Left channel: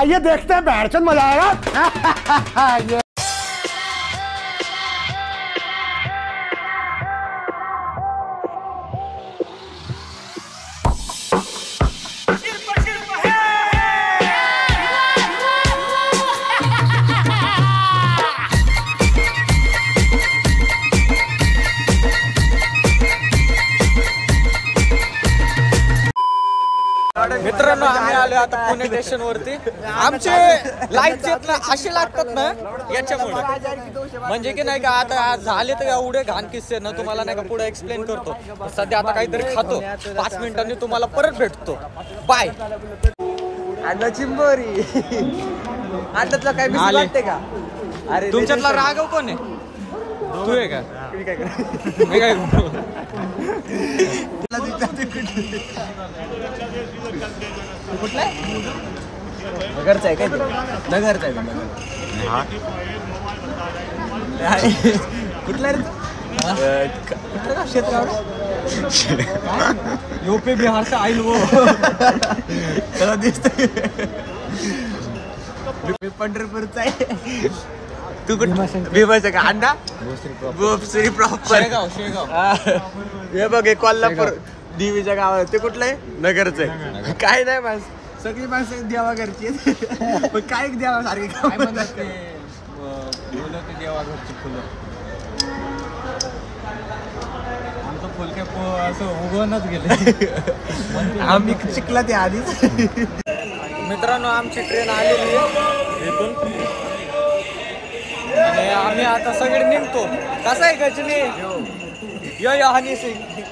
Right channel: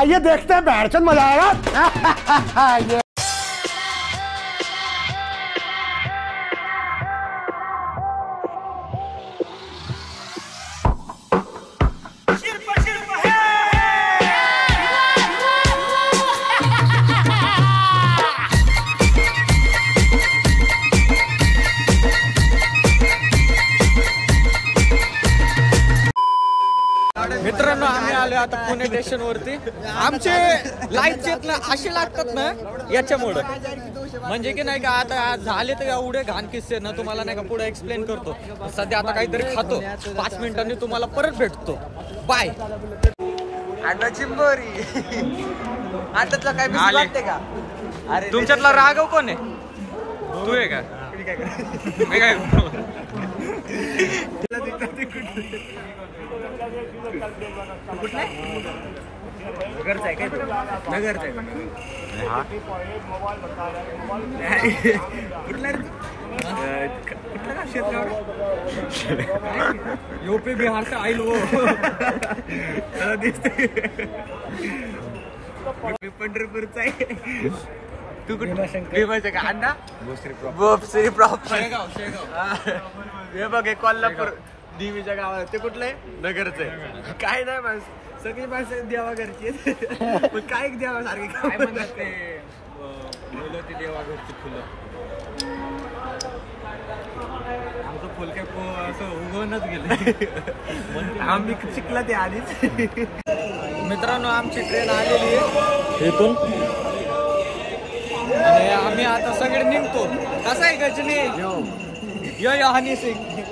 आइए देखते हैं बैरचंद मजा आएगा। मित्रांनो आम्ही आलो आता पुणे स्टेशन वरती. आमचे लाईव्ह चेत असे लागतात ना याच्यामुळे, म्हणजे की नाही का आता झाले तर एवढे घाण किस्से ना तुम्हाला नाही का पुढे एक्सप्लेन करतो. सध्या आता काहीतरी खातो, 5 मिनिटांनी तुम्हाला परत भेटतो. बाय. तुमच्यातला राघव कोण आहे? तू आहे का? मी काय कुठला नगरचा आहे काय? नगरचा आहे. कुठला रे? कुठलं का क्षेत्र? यूपी बिहार से आईल वो दिसतंय. मी पंढरपूरचा आहे. तू भीमाशंकर अंडा भोसरी प्रॉपर शेगाव. हे बघ हे कोल्हापूर देवीच्या गावात. ते कुठलं आहे? नगरचं आहे. काय नाही बस सगळी माणसं देवा घरची आहेत. पण काय देवा सारखी काय म्हणतात ते फुलं, ते देवा घरची फुलं. आमचं फुल काय असं उगवूनच गेलं. आम्ही शिकला ते आधीच. मित्रांनो आमची ट्रेन आलेली आहे इथून आणि आम्ही आता सगळे निघतो. कसं आहे गजनी? यो यो हनी सिंग बिग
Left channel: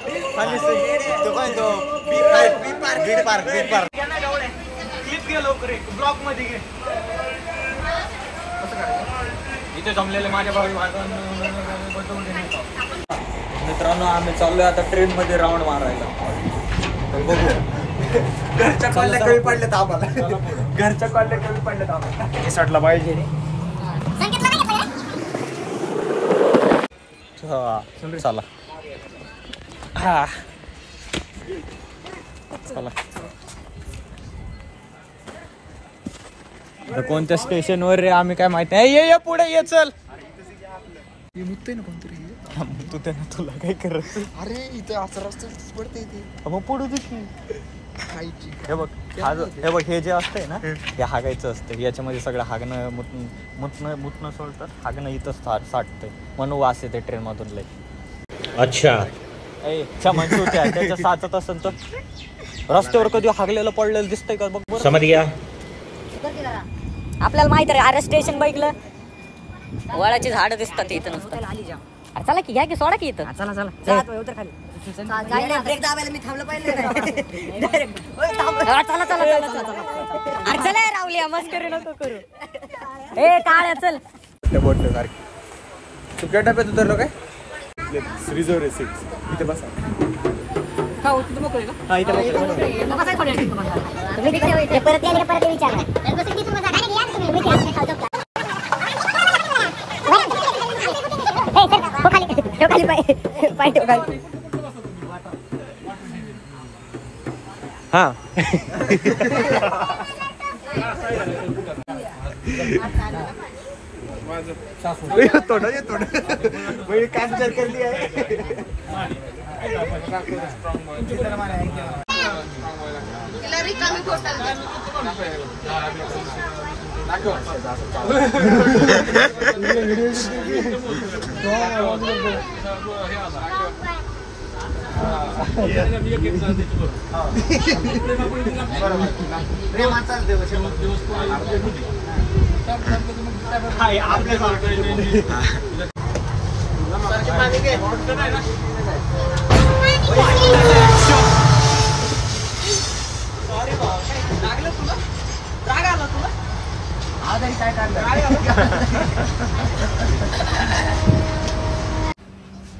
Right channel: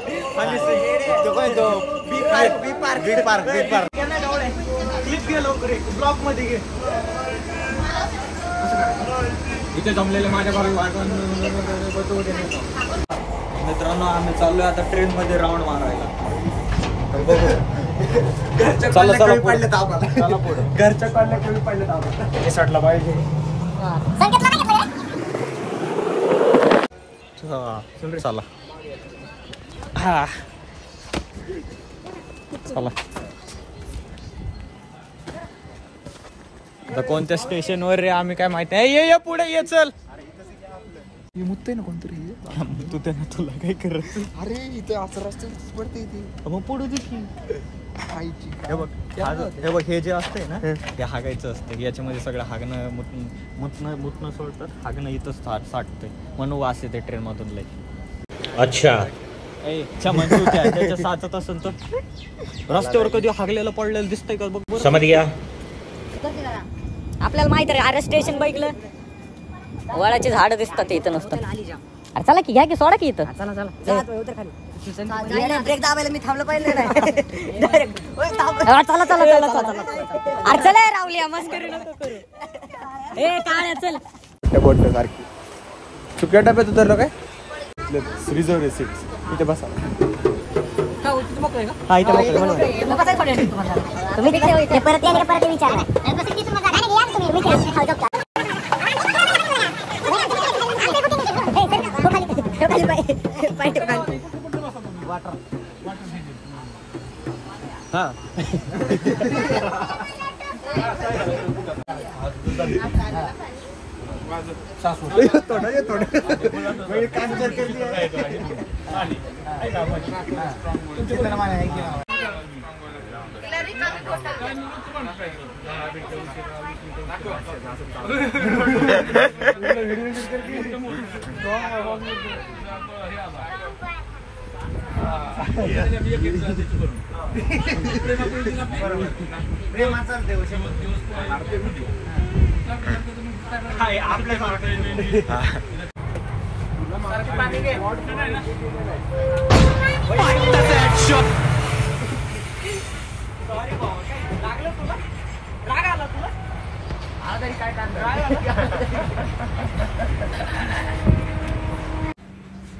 पार्क क्लिप घे लवकर, ब्लॉक मध्ये घे. इथे जमलेले माझ्या बरोबर. मित्रांनो आम्ही चाललोय आता ट्रेन मध्ये राऊंड मारायला. तर बघू. घरच्या कॉलला कमी पडले तर आम्हाला. घरच्या कॉलला कमी पडले तर आम्हाला हे सटलं पाहिजे. चला हा चला. तर कोणत्या स्टेशन वर रे आम्ही काय माहिती आहे. ये पुढे ये चल. मुतते ना कोणतरी. तू त्यांना तुला काय करत? अरे इथं असं रस्ते पडते इथे. मग पडू दे की. हे बघ हे बघ हे जे असतंय ना हे हागायचं असतं. याच्यामध्ये सगळं हागणं मुतणं सोडतात. हागणं इथं साठतंय म्हणून वास येते ट्रेन मधून लय. अच्छा म्हणजे होत्या त्याच्या साचत असेल तर रस्त्यावर कधी हागलेलं पडलेलं दिसतंय का बघ. समज घ्या. आपल्याला माहित आहे अरे स्टेशन बघितलं वडाची झाडं दिसतात इथं नुसतं. अरे चला की घ्या की सोडा की इथं. ब्रेक दाबायला मी थांबलं पाहिजे. चला रावल्या मस्करी नको करू. ए काळ्या चल. सुक्या डब्यात उतरलो काय? रिझर्व आहे सीट. इथे बसा. हा तिथे मोकळे ना. हा इथे मोकळे. तुम्ही तिकडे परत विचारा. हा थोडं कॅन्सल केली आहे.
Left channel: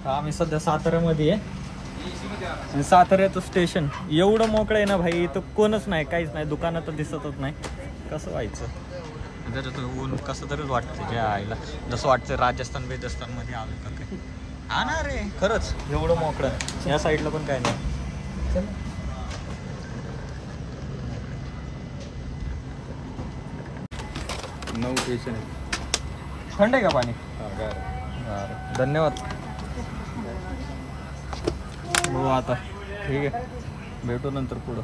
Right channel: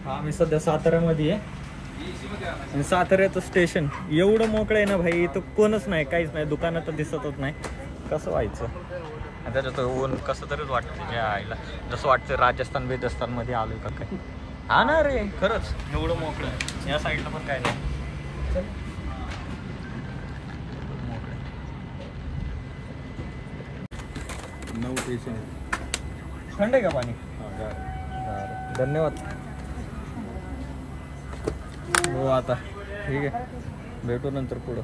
आम्ही सध्या साताऱ्यामध्ये आहे. साताऱ्याचं स्टेशन एवढं मोकळं आहे ना भाई. इथं कोणच नाही, काहीच नाही. दुकानात तर दिसतच नाही. कसं व्हायचं त्याच्यात ऊन कसं तरीच वाटतं. त्या आईला जसं वाटतं राजस्थान वेदस्थान मध्ये आलोय का काय. हा ना रे खरंच एवढं मोकळं. या साईडला पण काय नाही. न्यूट्रिशन थंड आहे का पाणी? धन्यवाद हो. आता ठीक आहे, भेटू नंतर पुढं.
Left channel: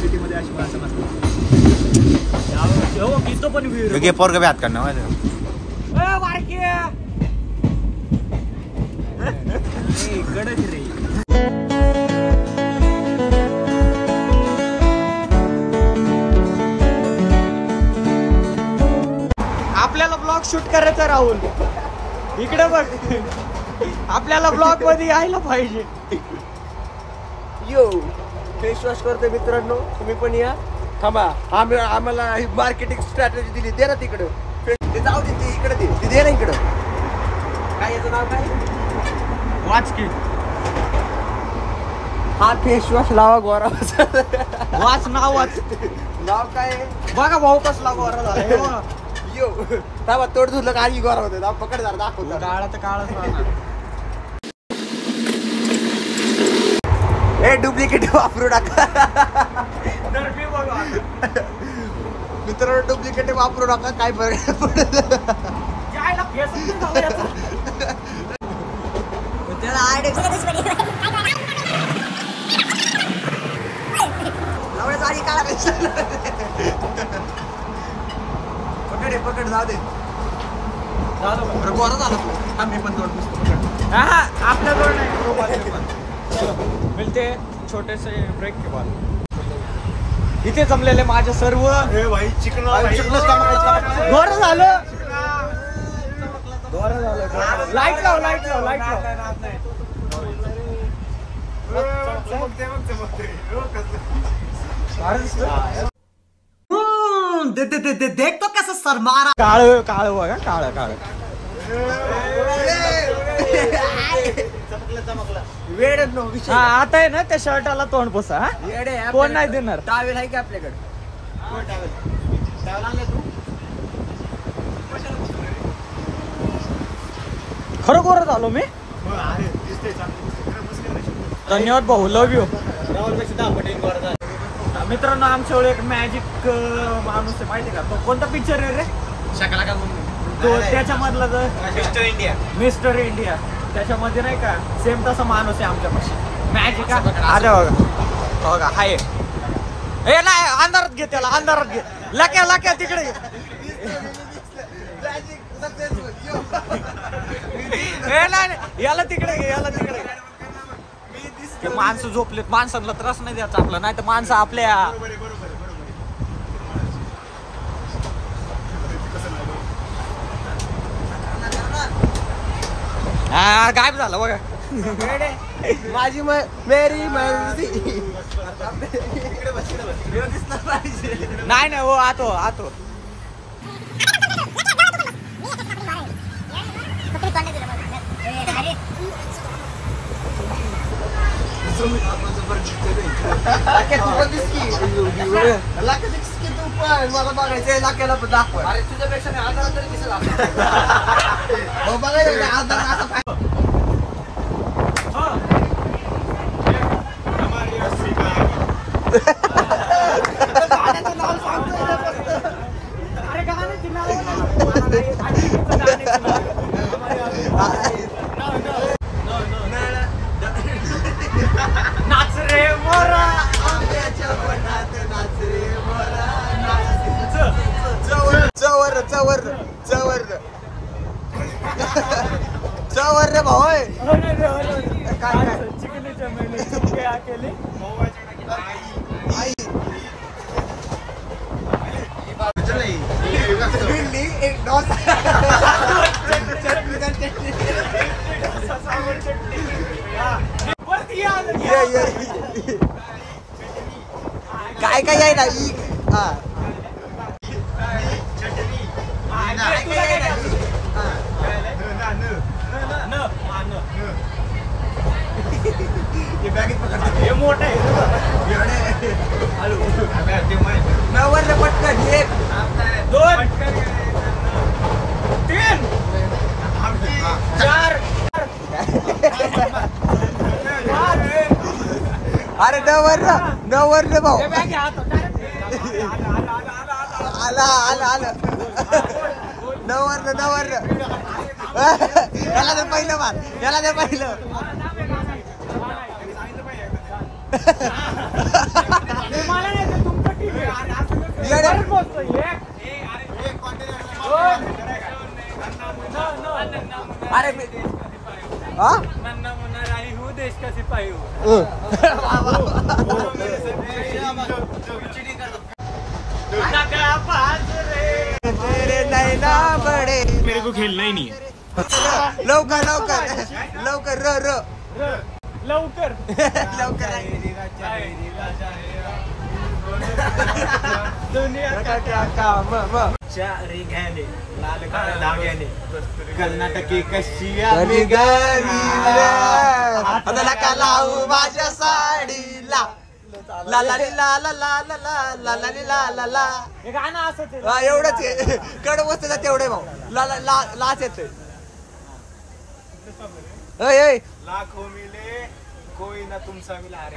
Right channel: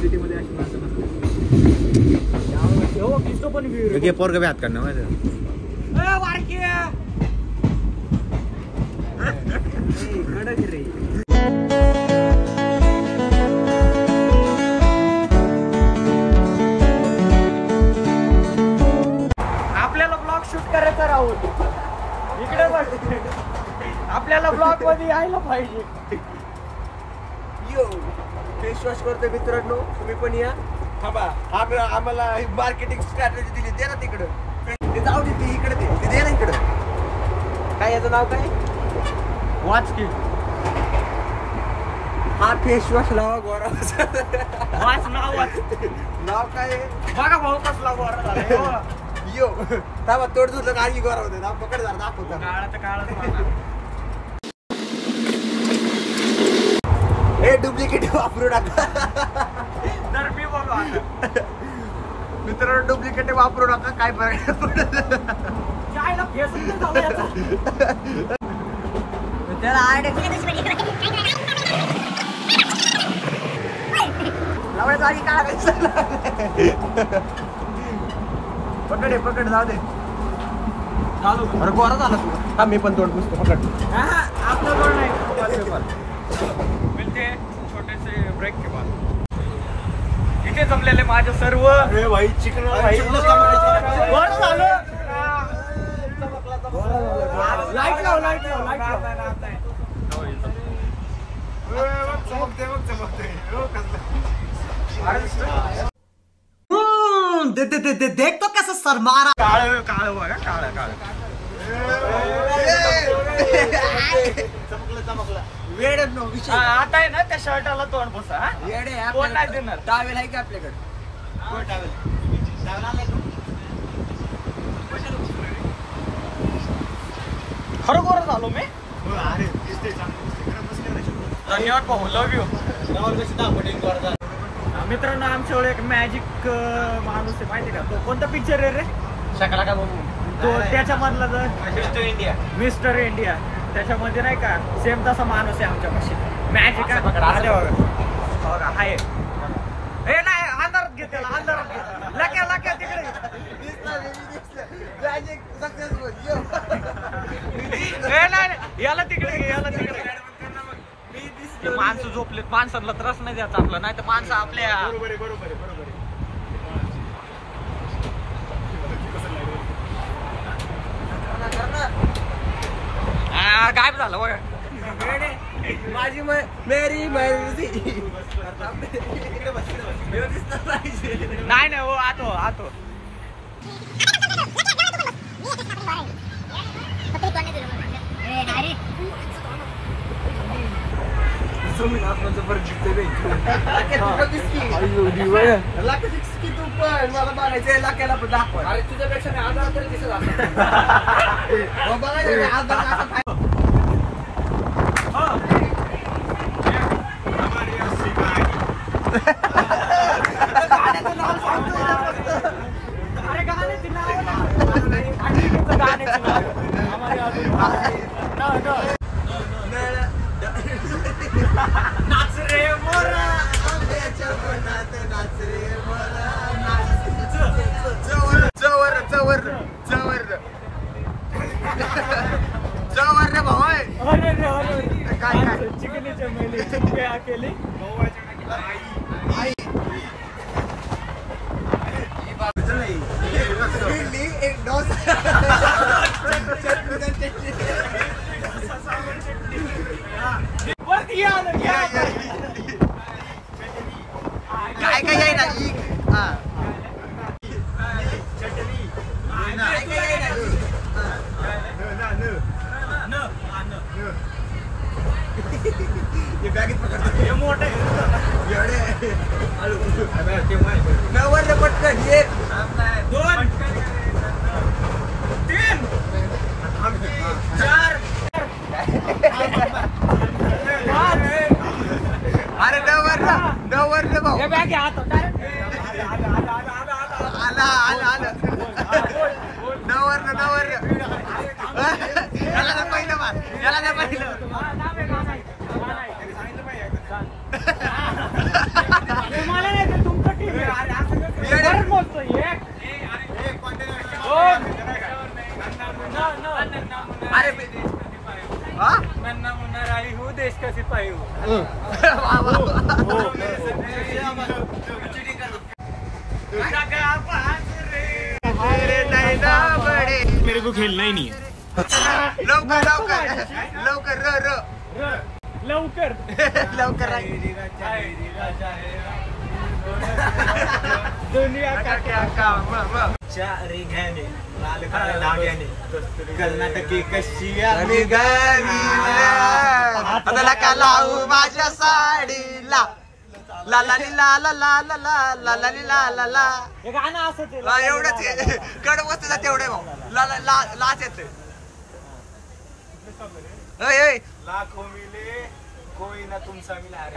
सिटीमध्ये अशी माणसं नसतात. पोरग बी हात काढणार कडक रे. आपल्याला ब्लॉग शूट करायचा राहून इकडे बघ. आपल्याला ब्लॉग मध्ये यायला पाहिजे. यो फेस वॉश करते मित्रांनो, तुम्ही पण या. थांबा, आम्हाला मार्केटिंग स्ट्रॅटेजी दिली, दे ना तिकडं. जाऊ दे, ती इकडे दे ना इकडं. काय याचं नाव काय? वाच की. हा फेस वॉश लावा गोरा. वाच नाव वाच. नाव काय? बघा भाऊ कसला गोरा झाला. यो थांबा, तोड धुतलं का आणखी गोरा होते. पकड जरा दाखवतो. काळा तर काळाच. हे डुप्लिकेट वापरू नका. तर मी बोलू आता मित्रांनो, डुप्लिकेट वापरू नका. काय फरक त्याला लावण्याचा आधी काळा पकड जाऊ दे. चालू अरे गोरा झाला तू. थांब, मी पण तोड पुसतो. पकड. आपल्या जवळ नाही. मिळते छोटेसे ब्रेक के बाद. इथे जमलेले माझे सर्व भाई चिकन लाईट लाव. देख तो कसं सर मारा. काळ बघा, काळ. वेळ विषय. आता आहे ना त्या शर्टाला तोंड बसा. वेडे कोण नाही देणार. टावेल आहे की आपल्याकडे? खरोखर झालो मी. धन्यवाद भाऊ, लव यू. मित्रांनो, आमच्याकडे एक मॅजिक माणूस आहे, माहिती का? तो कोणता पिक्चर आहे रे? शकला का बोलू? तो त्याच्यामधला जर मिस्टर इंडिया त्याच्यामध्ये नाही का, सेम तसा माणूस आहे आमच्यापाशी. मॅजिक बघा. हाय हे नाही, अंधारात घे त्याला, अंधारात घे. लक्या तिकडे. याला तिकडे. माणसं झोपलेत, माणसांना त्रास नाही द्यायचा आपला, नाही तर माणसं आपल्या. गायब झालं बघा. माझी मेरी मर्जी. नाही हो, आतो. मला बघायचं लाक्याला पण दाखवा. अरे तुझ्यापेक्षा आधार तरी दिसत नाव सांगतो. नाच रे मोरा. जवर रे भाऊ. काय चिकनीचे मेले केले. एक डोसा. काय आहे ना मोठे नवर पटकन एक नवर याला पहिलं मार याला नाही पाहिलं अरे नन्ना मुन्ना राही हूँ देश का सिपाही हूँ मेरे को खेलना ही नहीं है लवकर लवकर लवकर र र लवकर लवकर दुनिया का क्या काम कर्नाटकी कशी नका लावू माझ्या साडीला ला ला ली ला ला ला ला ला ला ला ली ला ला ला हे गाणं असं हा एवढंच आहे कड वस्तूला तेवढे भाऊ ला ला ला लाच येते लाखों मिले कोई ना तुमचा मिला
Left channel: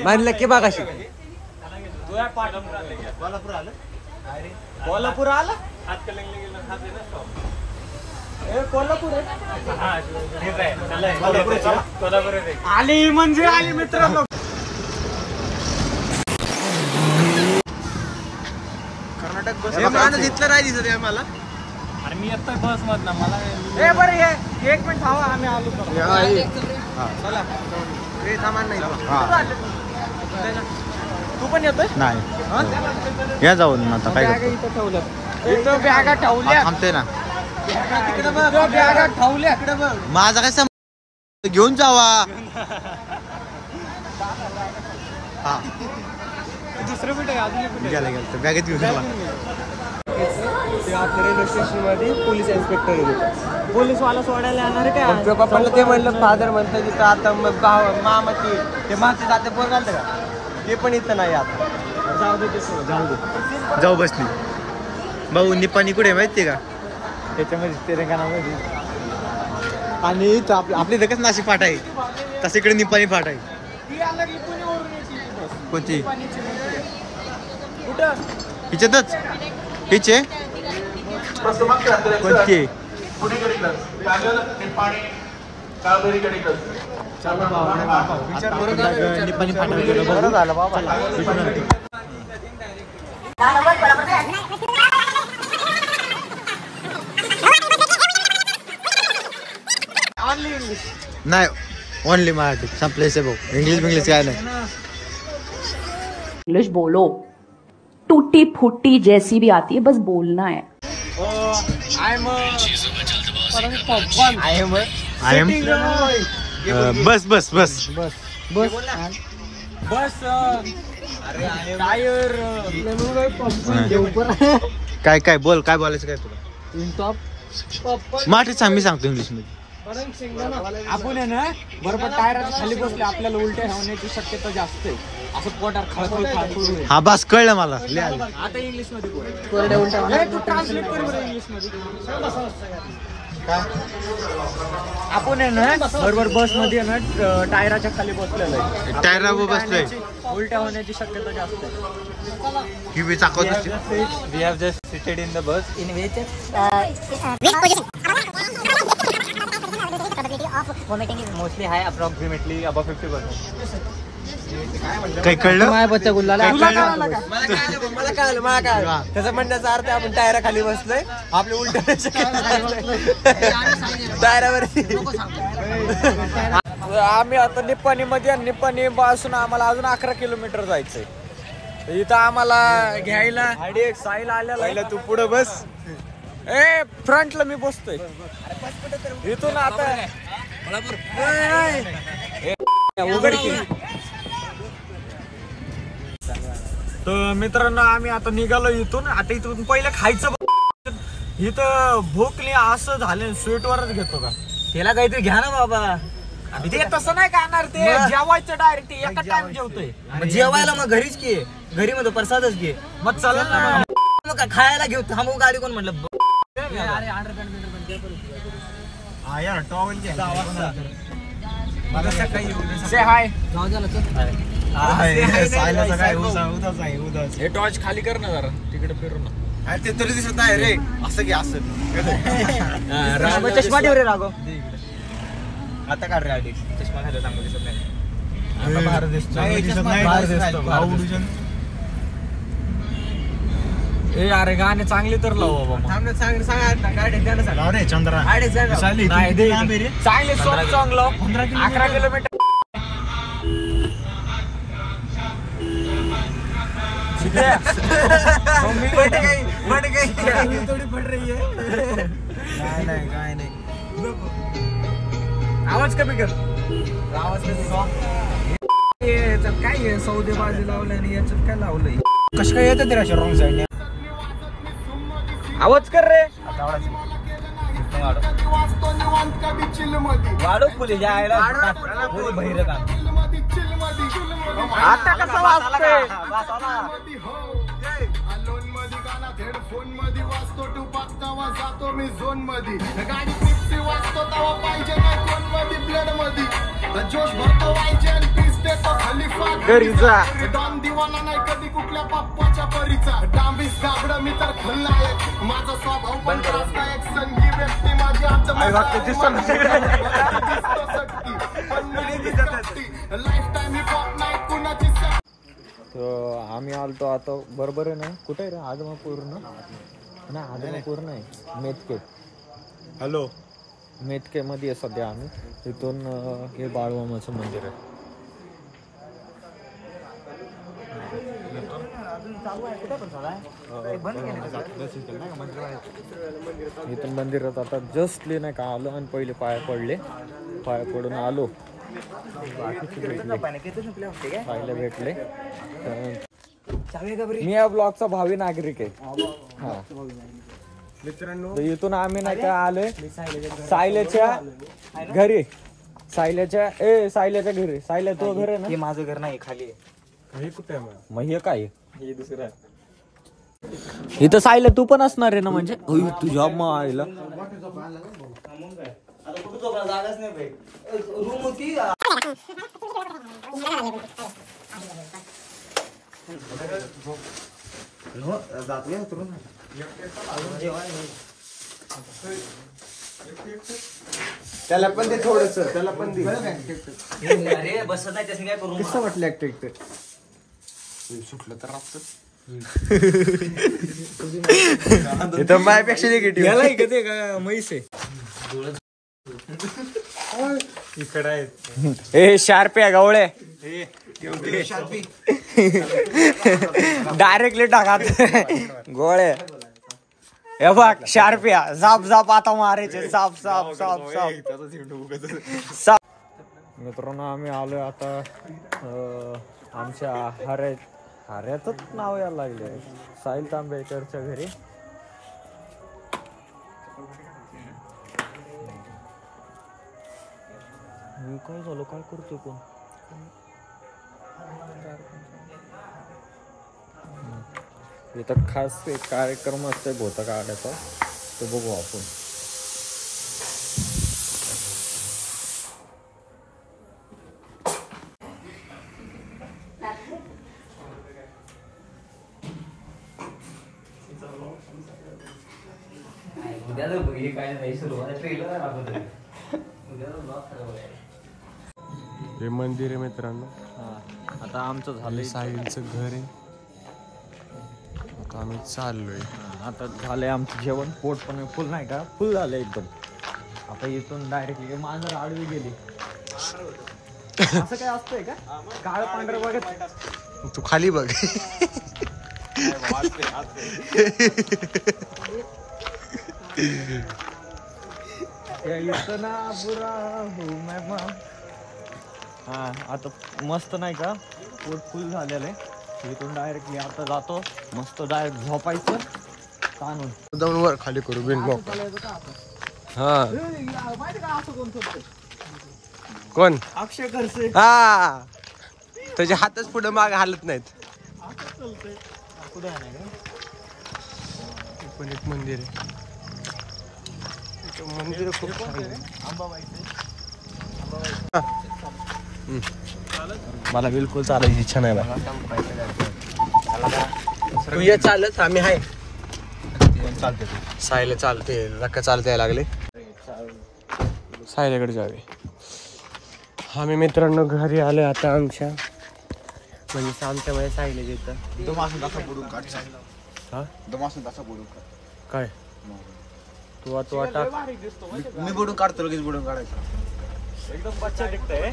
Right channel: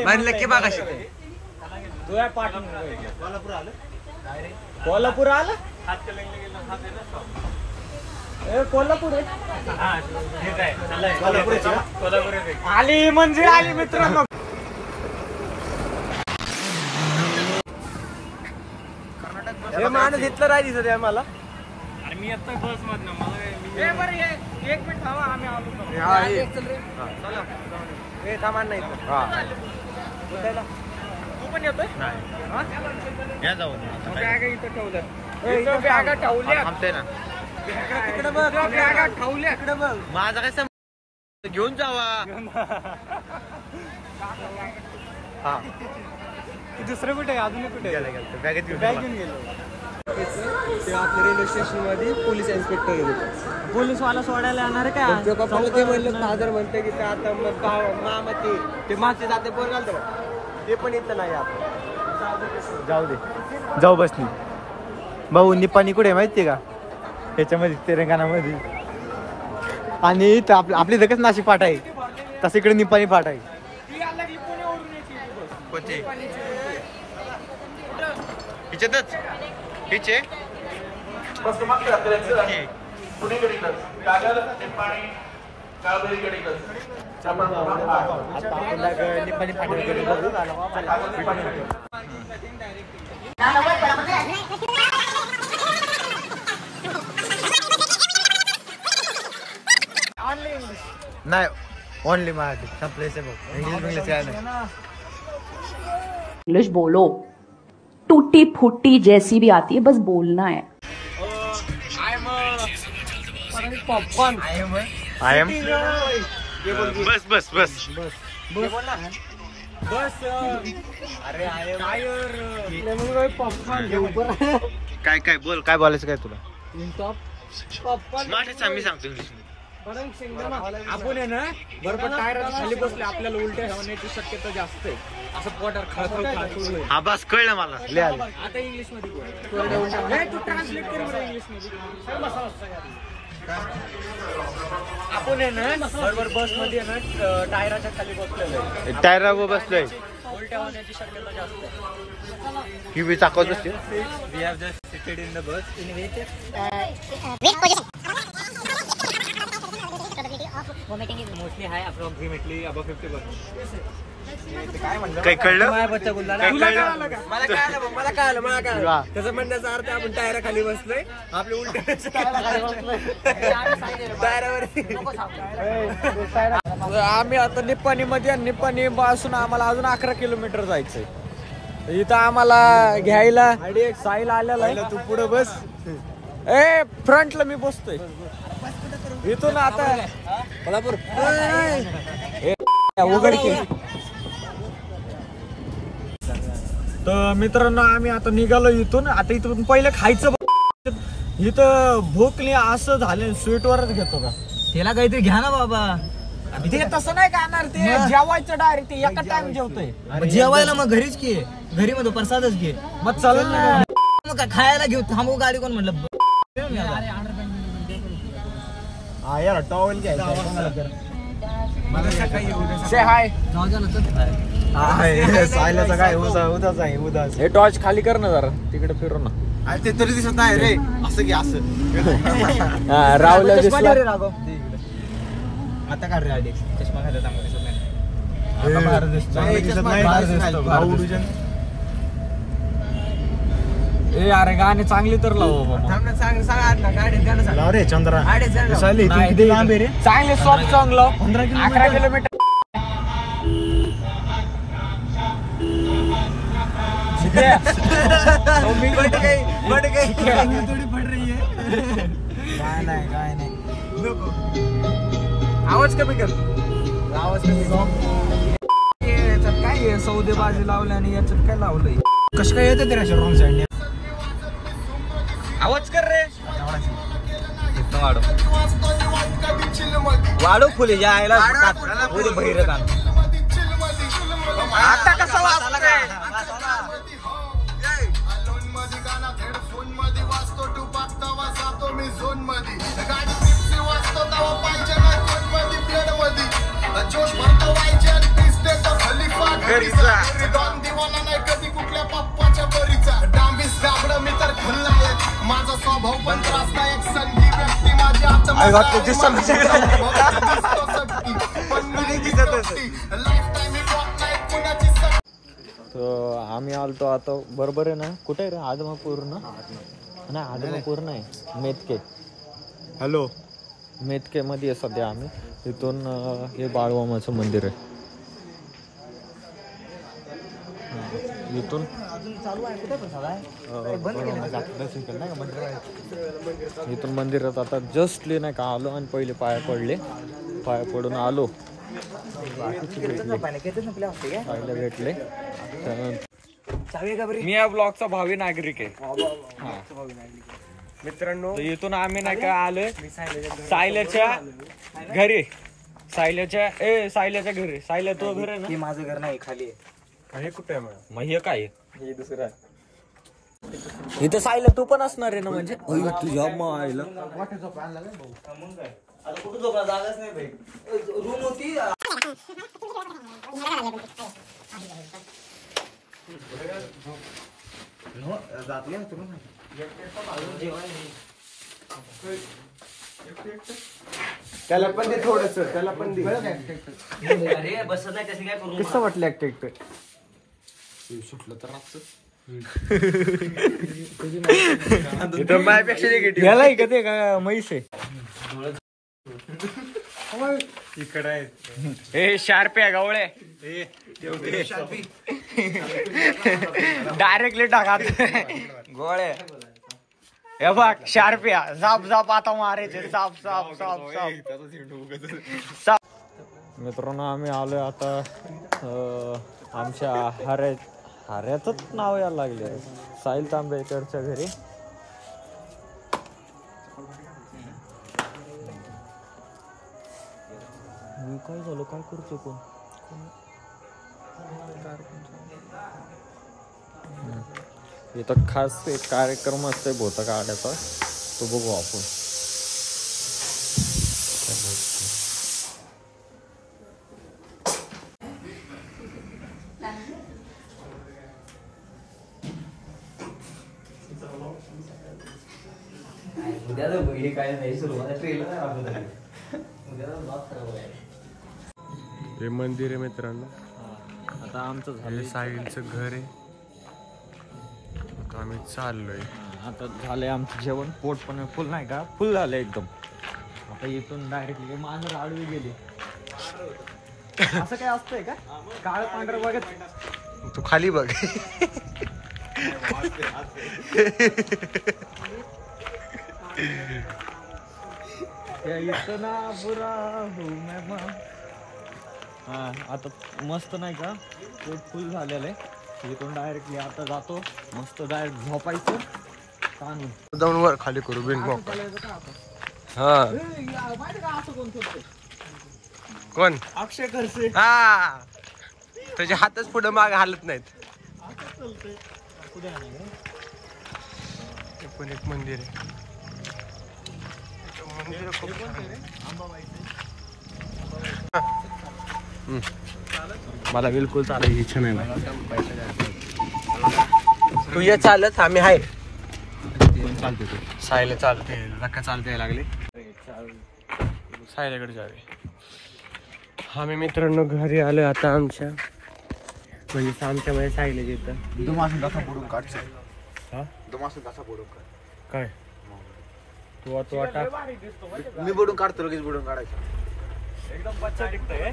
म्हणलं की बघा कशी कोल्हापूर आलं कोल्हापूर आलं हातकलंगले गेलं कोल्हापूर कोल्हापूर आली म्हणजे आली मित्रांनो घेतलं नाही दिसत आहे मला अरे मी येतोय बस मधनं मला एक मिनिट थांबा आम्ही आलो चला सामान नाही तू पण येतोय नाही या जाऊन आता काय बॅगा इथं ठेवलं इथं बॅगा ठेवल्या थांबते ना तिकडे बघ बॅगा ठेवल्या इकडे बघ माझा काय घेऊन जावा हा दुसरं कुठे अजून गेला गेला बॅगेत घेऊन गेला ते आपल्या रेल्वे स्टेशन मध्ये पोलीस इन्स्पेक्टर येतो पोलीस वाला सोडायला येणार काय मग पप्पाला ते म्हणलं फादर म्हणतं की आता मग मामा ते मागचे जाते पोर घालतं का ते पण इथं नाही आता जाऊ दे जाऊ बसली भाऊ निपाणी कुठे माहितीये का त्याच्यामध्ये तेलंगणामध्ये आणि इथं आपली लगेच नाशिक फाटा आहे तसं इकडे निपाणी फाटा आहे ती लागली पुण्यावरून येते ती बस कोणती कुठं हिच्यातच हिचे कोणती निपाणी फाटा गेलो बघू नाही ओनली मराठी संपलेच भाऊ इंग्लिश काय नाही इंग्लिश बोलो टूटी फूटी जैसी भी आती है बस बोलना है आय एम बस बस बस टायर काय बोल काय बोलायचं काय तुला मराठीत सांग मी सांगतो इंग्लिश मध्ये आपण आहे ना बरोबर टायराच्या खाली बसले आपल्याला उलट्या होण्याची शक्यता जास्त आहे असं पोटात खळखळ खाळखळ हा बस कळलं मला लिहायला आता इंग्लिश मध्ये बोल तू ट्रान्सलेट कर बरं इंग्लिश मध्ये आपण आहे ना बरोबर बस मध्ये ना टायराच्या खाली बसलेलो आहे टायरावर बसलोय उलट्या होण्याची शक्यता जास्त आहे किवी चाकवत असते We have just seated in the bus in which vomiting is mostly high, approximately above 50%. काही कळलं मला कळालं त्याचं म्हणण्याचा अर्थ आपण टायरा खाली बसलोय आपले उलट टायरावरती आम्ही आता निप्पाणी मध्ये निप्पाणी पासून आम्हाला अजून 11 किलोमीटर जायचंय इथं आम्हाला घ्यायला साईला आलेला तू पुढे बस ए फ्रंटला मी बसतोय इथून आता उघडकी तर मित्रांनो आम्ही आता निघालो इथून आता इथून पहिले खायचं इथं भूकली असं झालं स्वीटवरच घेतो का त्याला काहीतरी घ्या ना बाबा ते तसं नाही खाणार ते जेवायचं डायरेक्ट एका टाइम जेवतोय जेवायला मग घरीच घे घरी मध्ये प्रसादच घे मग चालेल ना मग खायला घेऊ थांबू गाडी कोण म्हणलं हा यार टॉवेल से हाय जाऊ द्या ना हे टॉर्च खाली कर ना जरा तिकडे फिरू ना अरे ते तरी दिसत नाही रे, असं की असं. राहुल चष्मा दे रे राघव. आता काढ रे आधी. चष्मा घातला चांगलं दिसत नाही. आता बाहेर दिसतो. ए अरे गाणे चांगले तर लाव बाबा. चंद्रा चांगले सॉफ्ट सॉंग लाव. 11 किलोमीटर. थोडी पड रही है. आवाज कमी कर. याच्यात काय आहे, सौदेबाजी लावले आणि याच्यात काय लावलंय. कसं काय येतं ते रॉंग साईडने. आवाज कर रे. वाढव फुले यायला. आता कसं वाजतंय. घरीचा आम्ही आलतो आता बरोबर आहे ना. कुठे आहे रे. आदमापूर ना. नाही आदमापूर नाही, मेतके. हॅलो, मेतके मध्ये आहे सध्या आम्ही. तिथून हे बाळूमामाचं मंदिर आहे. इथून मंदिरात आता जस्टली नाही का आलो आणि पहिले पाया पडून आलो. बाकीचे भेटले. मी या ब्लॉगचा भावी नागरिक आहे. हा मित्रांनो, इथून आम्ही नाही का आलोय सायल्याच्या घरी. सायल्याच्या घरी. सायल्या तो घर आहे ना. माझं घर नाही, खाली आहे. हे कुठे आहे मग हे काय हे दुसरं आहे. इथं सायल्या तू पण असणार आहे ना. म्हणजे तुझ्या मायला त्याला पण दे थोडस. त्याला पण दे. अरे बसत नाही तसे काय करू. कसं वाटलं एकटं सुटलं तर राहतं. इथं माझ्यापेक्षा निगेटिव्ह. याला का ते का म्हैस आहे. इकडे आहे. ए शार्प्या गवळे डायरेक्टली टाका गोळे. हे बघ शार्प्या जाप आता मारायचे. साप. मित्रांनो आम्ही आलोय आता आमच्या हाऱ्यातच नाव यायला लागले. साहिल तांबेकरच्या घरी. काय झालं. काय करतोय कोण. इथं खास एक कार्यक्रम असतोय भोता काढायचा. तो बघू आपण. हे मंदिर आहे मित्रांनो. आता आमचं झालं साहिलचं घर आहे. आता आम्ही चाललोय. आता झालंय आमचं जेवण. पोट पण फुल नाही का. फुल झालं एकदम. आता इथून डायरेक्टली मांजर आडवी गेली. असं काय असतंय का. काळ पांढरं बघत तू खाली बघ. इतना बुरा हूँ मैं माँ. हा आता मस्त नाही का. पोट फुल झालेलं आहे. इथून डायरेक्टली आता जातो. मस्त डायरेक्ट झोपायचं ताणून. जाऊन वर खाली करू बिन मग. हा कोण. अक्षय खरसे. हा तुझे हातच पुढे माग हालत नाहीत. पण एक मंदिर आहे. मंदिर खूप छान आहे. मला बिलकुल चालायची इच्छा नाही बाय. तू ये चालत. आम्ही आहे. चालते सायला चालते रक्का चालते यायला लागले सायल्याकडे जावे. आम्ही मित्रांनो घरी आलो आता आमच्या म्हणजे आमच्या मध्ये सायले घेतं दुमासून तसा बुडून काढ हा दुमासून तसा बुडून काढ काय तू टाक मी बुडून काढतो लगेच बुडून काढायचं एकदम बच्चा दिखतोय.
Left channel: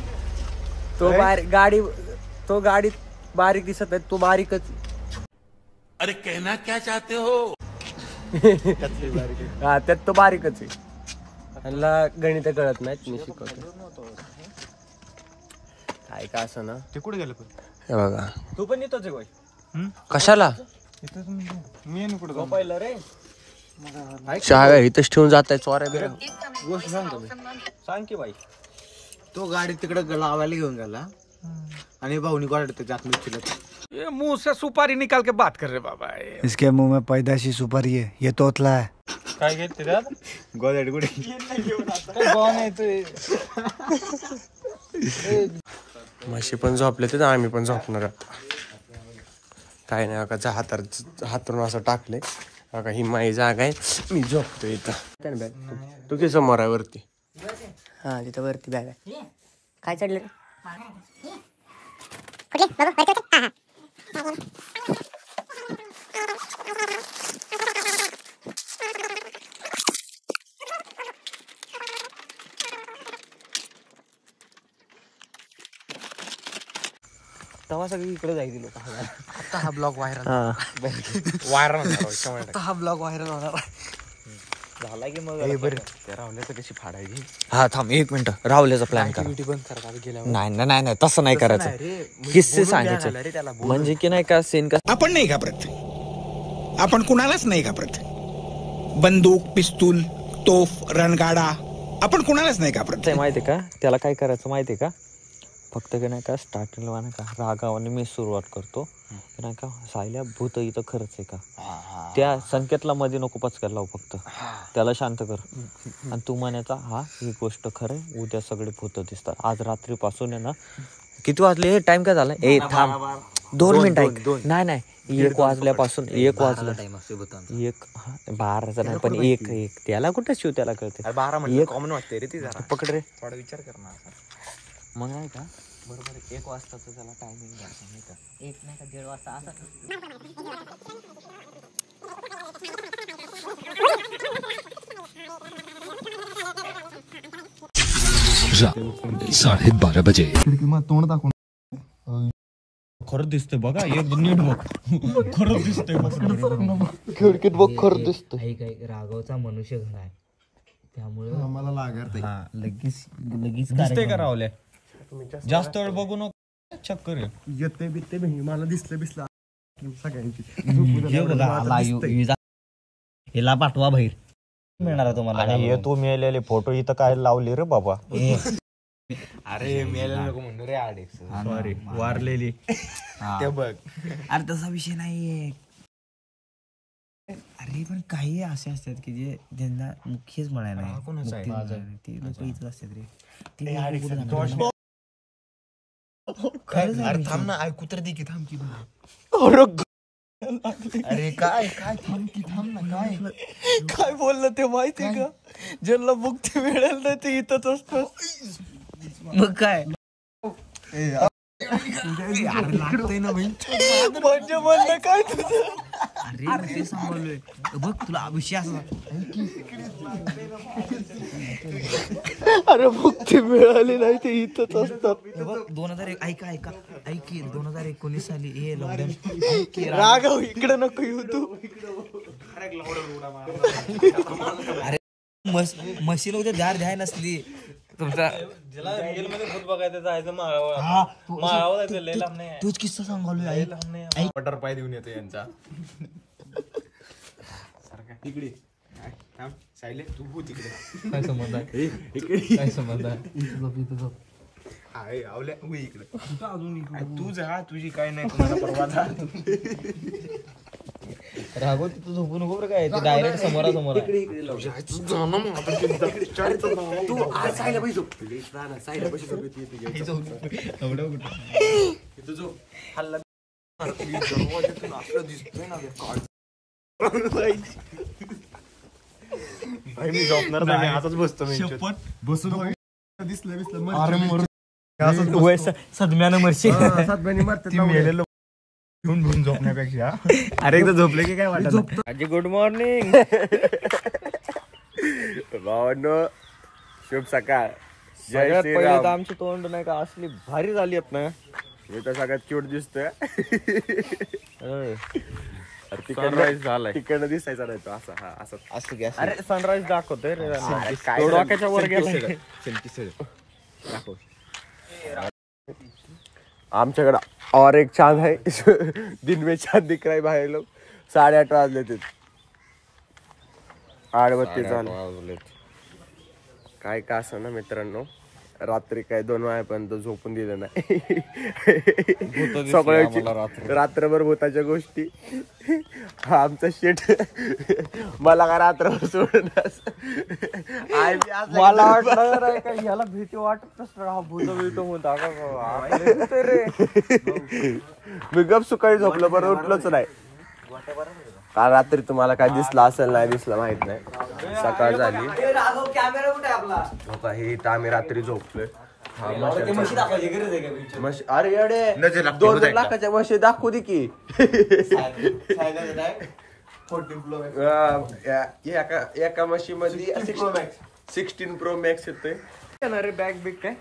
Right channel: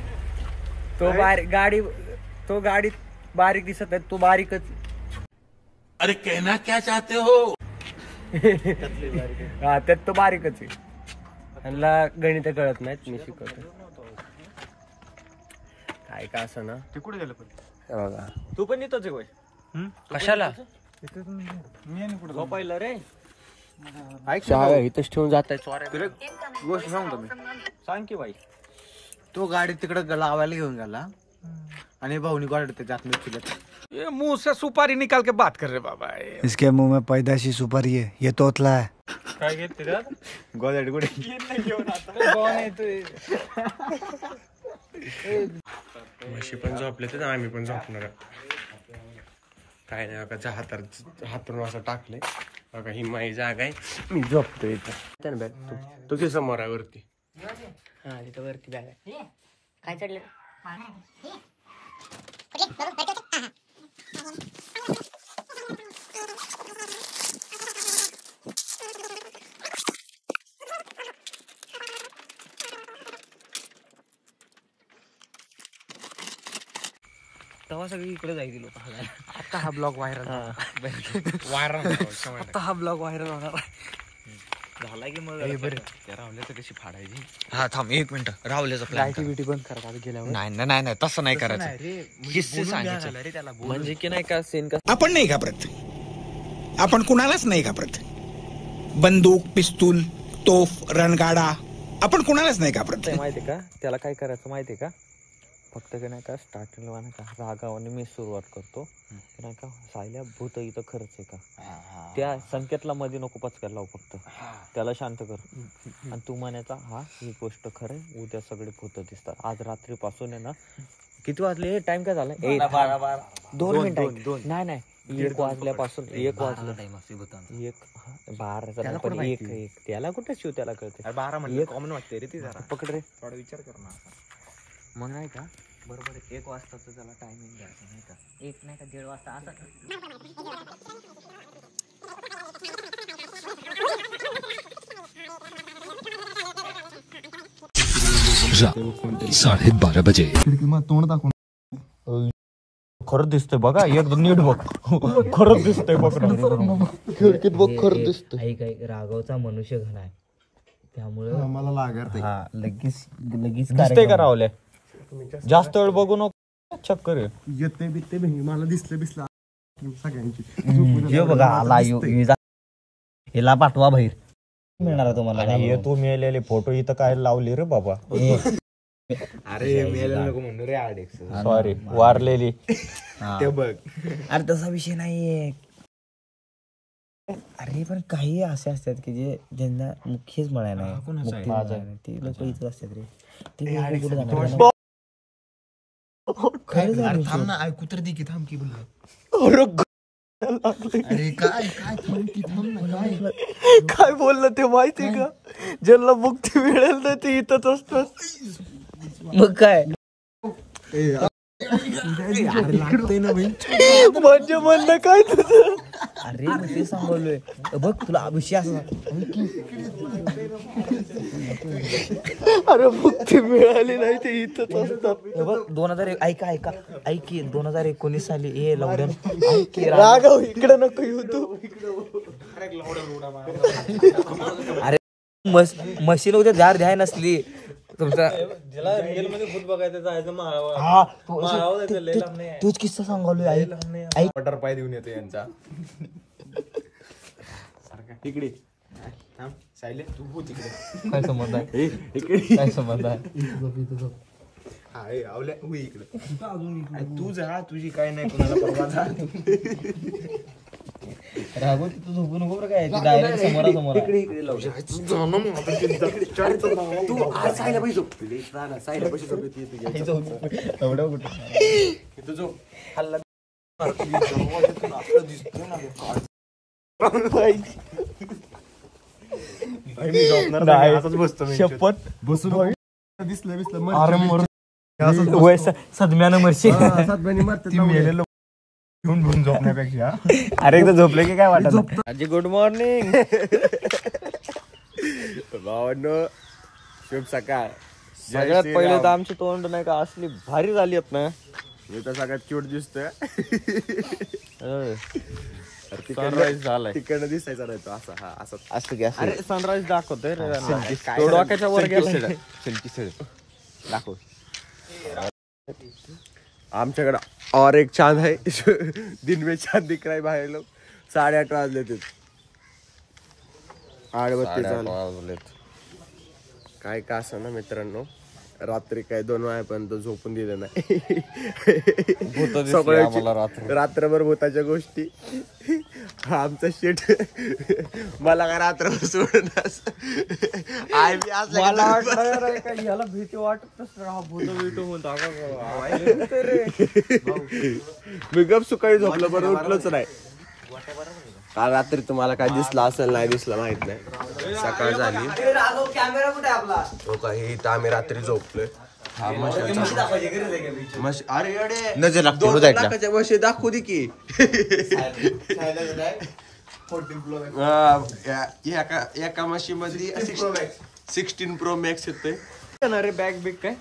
तो गाडीत बारीक दिसत आहे तो बारीकच. अरे कहना क्या चाहते हो? हा त्यात तो बारीकच आहे. ह्यांना गणित कळत नाहीत मी शिकवतो काय का असं ना. ते कुठे गेलं पण हे बघा तू पण येतोच आहे कशाला मी आणि कुठे पहिलं रे. चहा इथंच ठेवून जात आहे चोऱ्या. गोष्ट सांगतो मी. सांग की बाई. तो गाडी तिकडे लावायला घेऊन गेला आणि भाऊनी गाडी त्याच्या आत मिरची. ये मुंह से सुपारी निकाल के बात कर रहे बाबा. इसके मुंह में पैदाशी सुपारी है, ये तोतला है. काय घेते रे गोदाडी कुठे म्हशी पण झोपले तर आम्ही पण झोपणार आता. काय नाही बघा हातरून असं टाकले बघा ही माझी जागा आहे मी झोपतो इथं. बॅग तू की समोर आहे वरती. हा तिथं वरती बॅग आहे. काय चढलं रे? तेव्हा सगळी इकडे जायची लोक. आता हा ब्लॉग व्हायरल आता हा ब्लॉग व्हायरल होणार झाला की मग राहुल्याचं कशी फाडायची. हा थांब 1 मिनिट. राहुल्याचा प्लॅन नाही तसं नाही करायचं. किस्से सांगायचे म्हणजे की नाही का सीन का. आपण नाही घाबरत, आपण कुणालाच नाही घाबरत. बंदूक पिस्तूल तोफ रणगाडा आपण कुणालाच नाही घाबरत. माहितीये का त्याला काय करायचं माहितीये का. फक्त की नाही का स्टार्टिंगला नाही का रागावाने मी सुरुवात करतो की नाही का सायल्या भूत इथं खरंच आहे का. त्या संकेतला मध्ये नको पचकायला लावू. फक्त त्याला शांत कर आणि तू म्हणायचा हा ही गोष्ट खरं आहे. उद्या सगळे भूत दिसतात. आज रात्रीपासून आहे ना. किती वाजले टाइम काय झाला. 2 मिनिट ऐक. नाही 1 वाजल्यापासून 1 वाजला टाइम असते 12 पण 1 त्याला कुठे शिव त्याला कळते 12 कॉमन वाटते रे. ती पकड रे थोडा विचार कर मग नाही का. बरोबर 1 वाजता त्याला टायमिंग द्यायचा नाही का. 1 नाही का 1:30 वाजता असं. 12:30 बजे. तोंड दाखवून खरंच दिसतोय बघा. एक नीट बघ खरंच दिसतोय बघ. खिडकीत बघ खरं दिसतो. काही राघवचा मनुष्य घन आहे त्यामुळे मला लागत लगेच दिसतंय का राहुल्या. जास्त वेळ बघू नको. चक्कर येते बित्ते मला दिसलं सगळ्यांची. बघा आला हिला पाठवा बाहेर मिळणार तुम्हाला. तू मिळालेले फोटो इथं काय लावले रे बाबा. अरे मेलेलं नको म्हणून रे आडेक्स. सॉरी वारलेली ते बघ. अरे तसा विषय नाहीये. अरे पण काही असे असतात की जे ज्यांना मुख्यच म्हणाय नाही ते लोक इथं असतात रे. अरे थांब ना ऐकू तर दे की. थांब की बोल. अरे काय काय थांब की थांब ना. काय बोललं ते माहिती का. ज्यांना मुक्ती मिळेल ना ते इथंच असतात. मग काय लागतंय ना भाई. माझ्या म्हणलं काय अरे मी ते सांगलोय बघ तुला विषय असा. अरे मुक्ती मिळाली नाही ते इथंच असतात. 2001 ऐक 2019 साली हे लॉकडाऊन. राघव इकडे नको येऊ तू. अरे मशीन उद्या झाड द्याय नसली तुमचा भूत बघायचं जायचं तोच किस्सा सांगालोय. ऐक बटर पाय देऊन येतो यांचा. इकडे थांब सायले तू हो तिकडे. काय संबंध आहे इकडे काय संबंध आहे आवल्या हो इकडे. तू जा तुझी काय नाही कोणाला परवा जा. राघव तिथं झोपू नको बरं काय. डायरेक्ट समोरासमोर तू आज सायला पाहिजे सायला पाहिजे. मी झोपणार नाही, असंच बसतो मी. शपथ बसून दिसलं सदम्यानं मरशी मेलेलं घेऊन झोपण्यापेक्षा. अरे एकदा झोपले की काय वाटत. आजी गुड मॉर्निंग. भावांनो शुभ सकाळ. सगळ्यात पहिले तर आमची तोंड नाही का असली भारी झाली आहेत ना. मी तर सगळ्यात क्यूट दिसतोय. सनराईज झालाय. तिकडनं दिसायचा नाही तो असा. हा असा असं घ्या. अरे सनराईज दाखवतोय रे. काय तो डोक्याच्या वर गेलाय. दाखव. आमच्याकडे और एक चांद है. दिन में चांद दिख रहा है बाहेर लोग. 8:30 वाजले ते. 8:32 वाजले. काय का असं ना मित्रांनो, रात्री काय 2 वाजेपर्यंत झोपून दिलं नाही. सगळ्याची रात्रभर भूताच्या गोष्टी. आमचा शेट मला का रात्रभर सोडून आय बी याला भीती वाटत म्हणता. मी गप सुकाळी झोपलं, बरं उठलोच नाही. काल रात्री तुम्हाला काय दिसलं असेल नाही दिसलं माहित नाही. सकाळ झाली. इथं आम्ही रात्री झोपलोय. हा अरे अरे लाखाच्या म्हशी दाखवू दे की. एका म्हशी मध्ये 16 Pro Max येतोय. बॅग बिग काय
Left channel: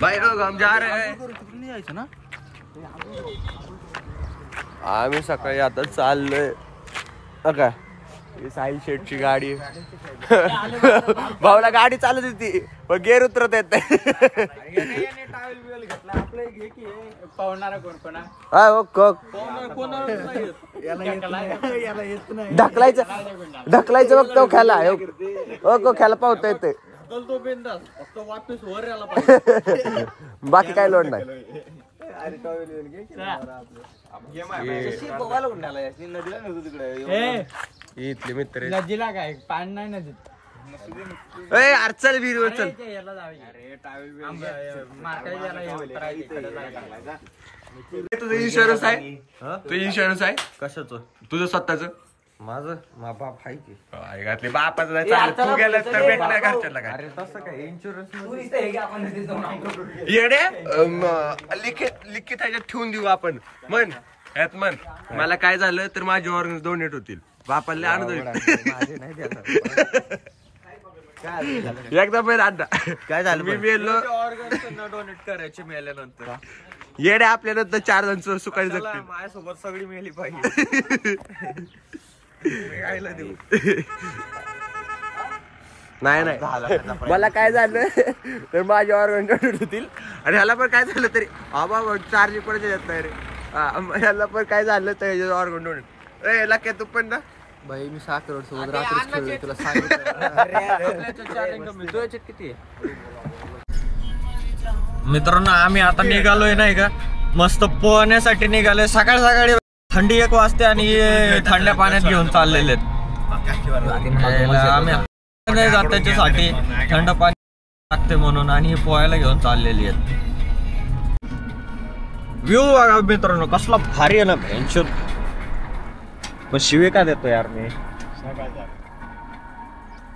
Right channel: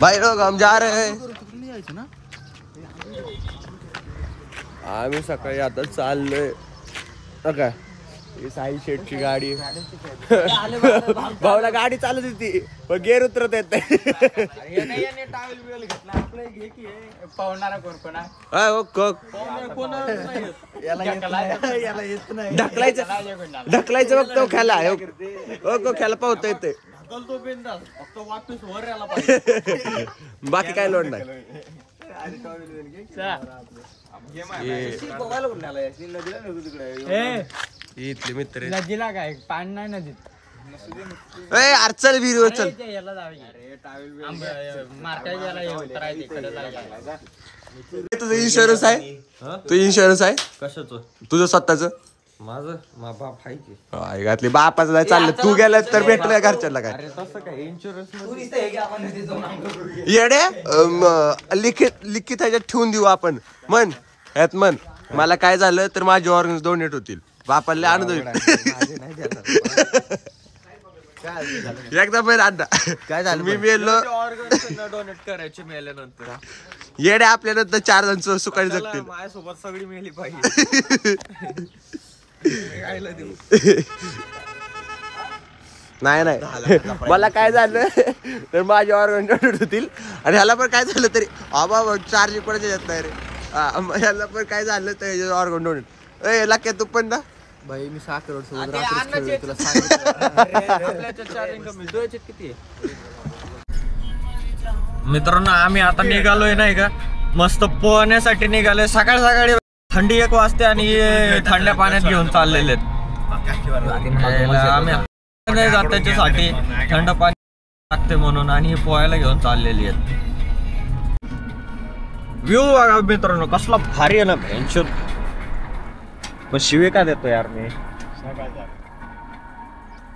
भाई लोग हम जा रहे हैं. आम्ही सकाळी आता चाललोय. काय साई शेटची गाडी. भाऊला गाडी चालत होती पण गेअर उतरत येत नाही. ढकलायचं बघ तो खेळा. खेळा पावता येते. बाकी काय लोड नाही. इथले मित्र नदीला काय पाणी नाही नदीत. चल विहिरीवर चल. तुझं इन्शुरन्स आहे? तू इन्शुरन्स आहे कशाचं? तुझं स्वतःच? माझं बाप आहे की. घातली बापाचं नाही चाललं. तू गेला तर भेटलं घरच्याला काय? अरे तसं काय इन्शुरन्स येड्या लिखित ह्याच्यात ठेवून देऊ आपण. मन ह्यात मन मला काय झालं तर माझे ऑर्गन्स डोनेट होतील. बापाला आनंद होईल. एकदा पण आणता काय झालं? मी मेलो. डोनेट करायचे मेल्यानंतर येड्या आपल्या नंतर 4 जण सुखाने जगतील. माझ्यासोबत सगळी मेली पाहिजे. नाही मला काय झालं तर माझे ऑर्गन डोनेट होतील. आणि ह्याला पण काय झालं तरी बाबा चार्ज कोणाच्या येत नाही रे. ह्याला पण काय झालं तर ऑर्गन डोनेट. लाख तू पण ना भाई मी 6 करोड सोबत रात्रीच खेळलोय तुला सांगितलं. किती मित्रांनो आम्ही आता निघालोय नाही का मस्त पोहण्यासाठी निघालोय. सकाळ सकाळी थंडी 1 वाजते आणि थंड्या पाण्यात घेऊन चाललेले आहेत. आम्ही नाही जात त्याच्यासाठी थंड पाणी लागते म्हणून आणि पोहायला घेऊन चाललेली आहेत. व्ह्यू बघा मित्रांनो कसला भारी आहे ना. पेन्शन पण शिवे का देतो यार मी.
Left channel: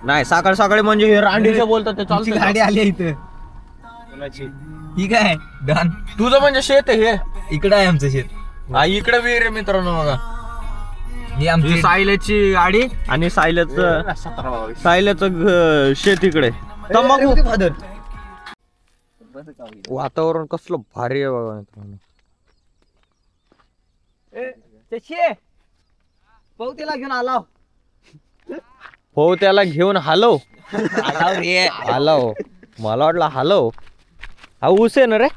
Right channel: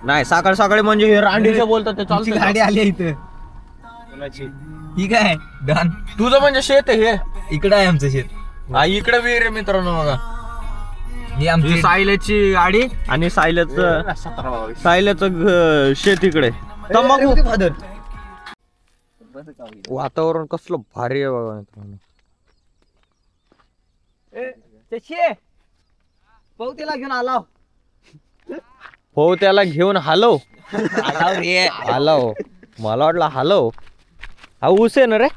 नाही सकाळ सकाळी म्हणजे हे रांडीचे बोलतात ते चालतं. गाडी आली इथं. ठीक आहे डन. तुझं म्हणजे शेत आहे हे. इकडे आहे आमचं शेत. हा इकडे विहीर आहे मित्रांनो बघा. ही आमची सायल्याची गाडी आणि सायल्याचं शेत इकडे. तंबाखू वातावरण कसलं भारी आहे बघा मित्रांनो. त्याला घेऊन आलाव. हो त्याला घेऊन हलव. हलव मला वाटलं हलव. हा ऊस आहे ना रे.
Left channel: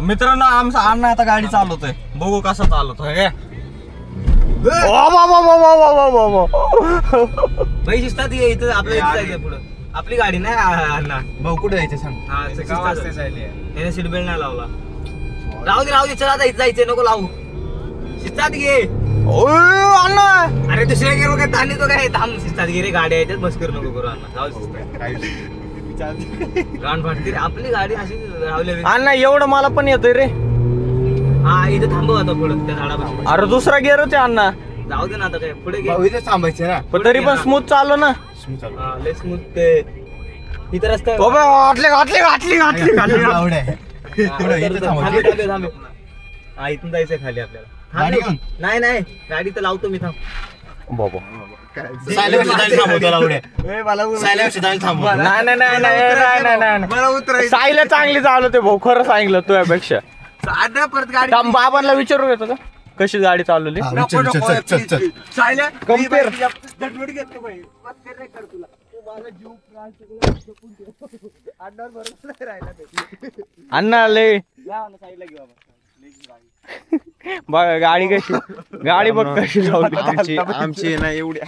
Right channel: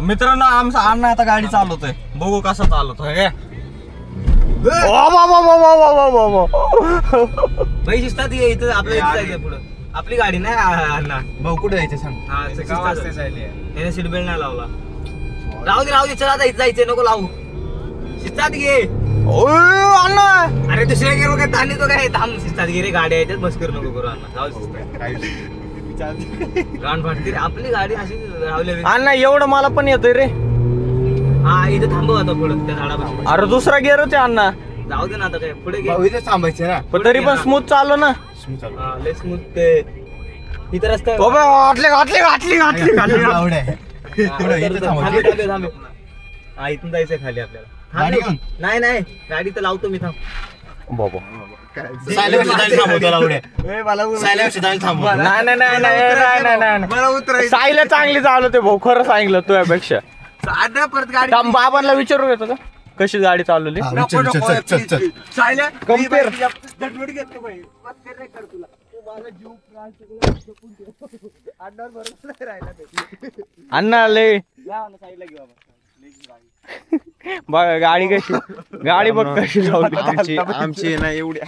मित्रांनो आमचा अण्णा आता गाडी चालवतोय. बघू कसं चालवतोय. पैसे असतात इथं आपल्या जायचं पुढं. आपली गाडी नाही अण्णा. भाऊ कुठे जायचं सांग. त्याने सीट बेल्ट नाही लावला. राहू दे चला जायचंय नको लावू. शिस्तात घे अण्णा. अरे दुसऱ्या गेलो काय ताणी तो काय थांब. शिस्तात घे रे गाडी आहे बस करू नको करू अण्णा. जाऊ गाण फाटते रे आपली गाडी अशी रावली अण्णा एवढं मला पण येतोय रे. हा इथे थांबव आता पुढे त्या झाडापासून. अरे दुसरा गेअरच आहे अण्णा. जाऊ दे ना आता काय पुढे घे. थांबायचे ना. पण तरी पण स्मूथ चालू ना. लय स्मूथ ते इथं रस्ता थांबे. हा इथून जायचंय खाली आपल्याला. नाही नाही गाडी तर लावतो मी थांब. बाबा नाही साईला चांगली चालू ते भाऊ खरं सांगितलं तुझ्यापेक्षा. परत गाडी बाबांना विचारून येतो का कशी गाडी चालवली. कम्पेअर अण्णा लय बघा गाडी कशी गाडी बघ कशी लावली आमची ना एवढी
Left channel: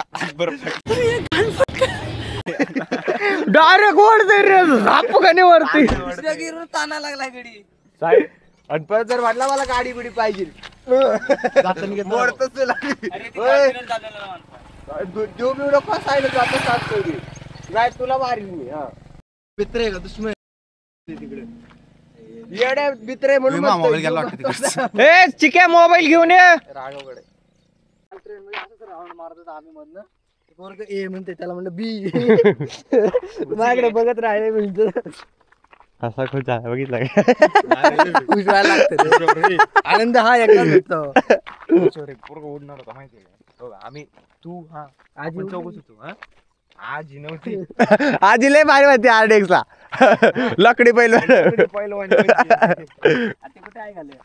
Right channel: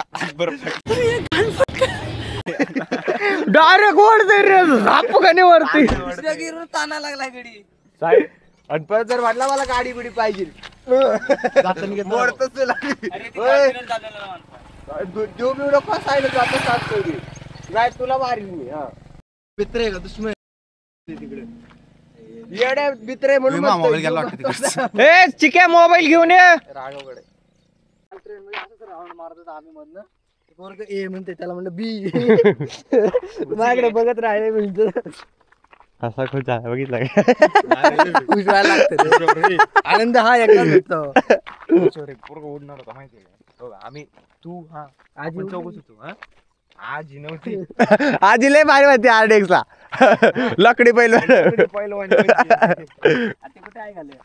डायरेक्ट वरती रे झापकाने वरती ताना लागला गाडी. आणि परत जर म्हटलं मला गाडी बिडी पाहिजे नाही तुला मारील मी. मित्र आहे का दुश्मन तिकडे येड्या मित्र म्हणून ए चिक्या मोबाईल घेऊन ये. मारतात आम्ही मधनं पोरग ए म्हणते त्याला म्हणलं बी माझ्याकडे बघत राहिले म्हणतो. असा खुश झाला बघितला खुश व्हायला लागतं. आनंद हा एकटाच भेटतो. उडणार होता माहितीये का आम्ही तू हा आजी चौकच होतो हा आजी नव्हती. आजी लय भारी होती RDX ला लकडी पहिलं पहिलं ते कुठे आहे घाले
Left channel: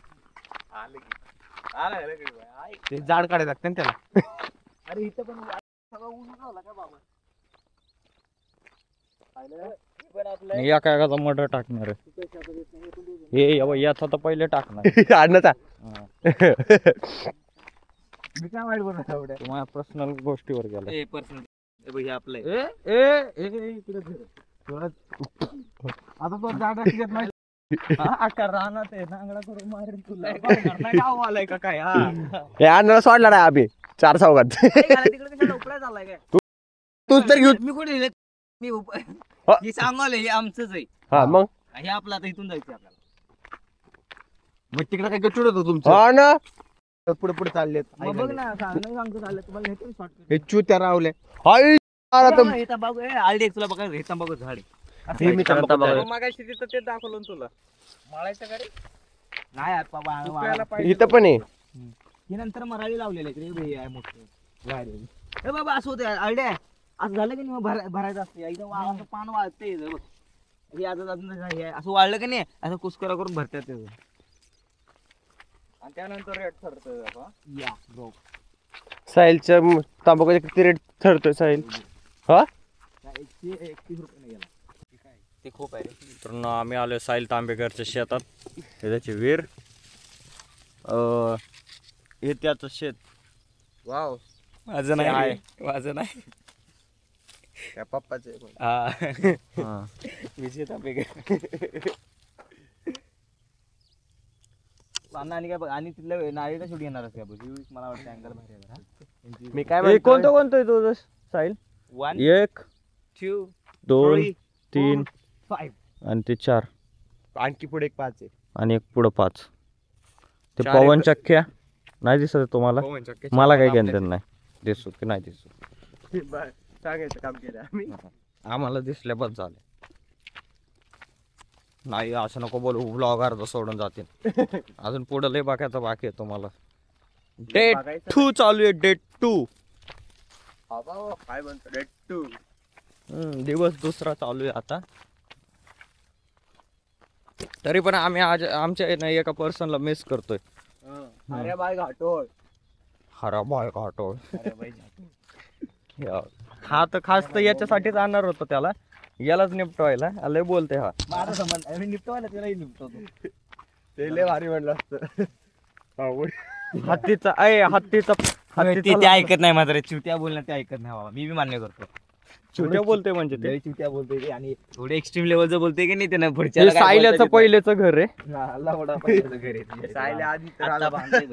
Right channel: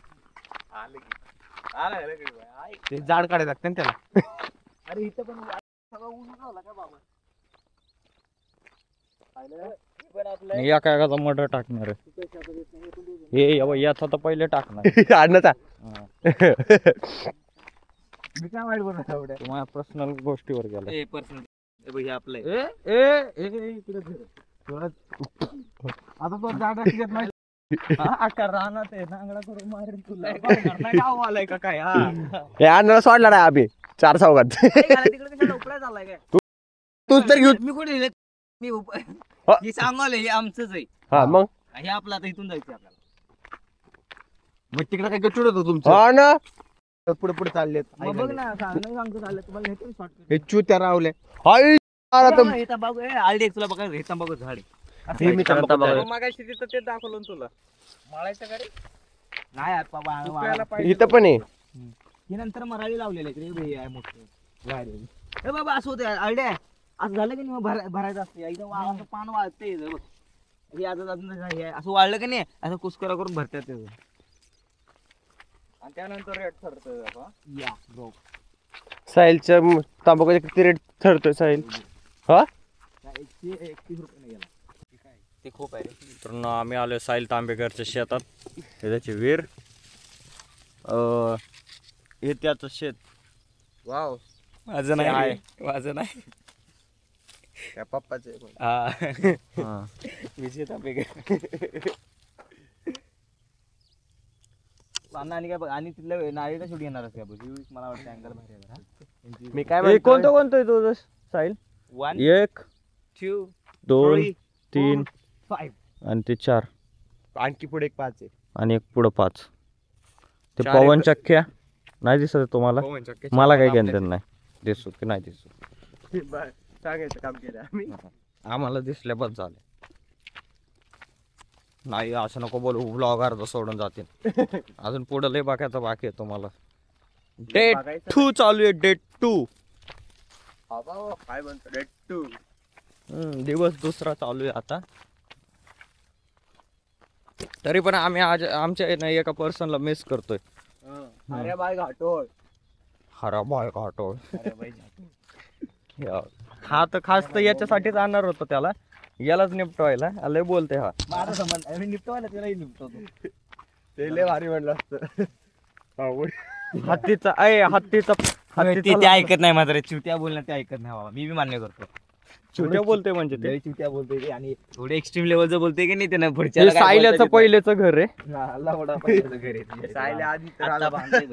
ते झाड काढायला लागतं ना त्याला. अरे इथं पण सगळं ऊन झाला का बाबा. या काय मटर टाकणार हे याचा तर पहिले टाकणार आणचा मी काय वाईट बोलत एवढ्या तुम्हाला पर्सनल गोष्टीवर गेला. पर्सनल आपलं आता तो झाड नाही आकार राहणार आहे नांगडा करून मारेल तुला आलाय का काय. हे अण्णाला सोडला नाही आम्ही 4 चौघात. तिकडे उपडा झालाय काय तूच तर घेऊ. मी कुठे मी सांगाल हे आमचंच आहे. हा मग हे आपलं आता इथून जायचं आपल्याला. मग तिकडे काय गचुड होतं तुमचं हा ना पुढे पुढे चाललेत. मग बघ ना सांगतो चाललं तुम्हाला हे पण शॉर्ट हे चुत्या रावल्या. हे तंबाखू RDX तुला बघा हे तंबाखू झाड हे मी तंबाखू मागाशी तिथं ते दाखवलं तुला माळायचं का रे. नाही बाबा इथं पण आहे. ही नंतर मराठी लावलेलं आहे मोठं. हे बाबा असं होतं आयडिया असं झालं की नाही भरायचं असतं एकदम पान वाळते बघ. हे आता असं वाळलं की नाही असं कुस्करा करून भरतात त्याचं आणि त्यानंतर रेट ठरतं. या साहिलच्या तंबाखूचा किती रेट ठरतोय साहिल. हा 131 रुपये गेला ते खूप आहे रे. तर आम्ही आलोय साहिल तांबेकरच्या शेतात. हे त्याचे वीर हे त्याचं शेत. वाव माझं नाही आहे माझं नाही त्या पप्पाचे विजय तांबेकर. आणि काय बघ आणि तिथलं नाळीला शेवटी येणार का मला वाटतं अँगल भारी. मी काय कोणतं आहे तुझं साहिल. 1 2 2 3 5 आणि ते 4 आणखी पुढे एक 5 आहे आणि एक पुढं 5. ते पवन चक्क्या नाही दिसत तुम्हाला. मला काही घेणं नाही दिसू की नाही दिसू सांगायचं काम केलं आम्ही. आम्हाला दिसल्या बस झाले. नाही असं नको बोलू ब्लॉगर सोडून जातील. अजून पुढं लय बाकायचं बाकी आहे तुम्हाला. डेट 2 चालू आहे. डेट 2 काय म्हणतो डेट 2 दिवस दुसरा चालू आहे आता. तरी पण आम्ही आज आमच्या एका पर्सनला मिस करतोय. अरे बाय घाटोळ हरा बाय घाटोळ. हा तर खास तर याच्यासाठीच आणणार होतो त्याला यालाच निपटवायला. लय बोलते हा माझा संबंध मी निपटवायला त्यालाही निपटवतो. ते लय भारी म्हणलं असतं. हत्तीचा ते ऐकत नाही मात्र चिवट्या बोलणं ते ऐकत नाही बाबा. मी बी मान्य करतो चिवट्या बोलते म्हणजे ते चिवट्या बोलतोय आणि थोडे एक्स्ट्रीम लेवलचं बोलते की नाही त्यानं हे पुढच्या सायल्याचं पहिलेचं घर आहे.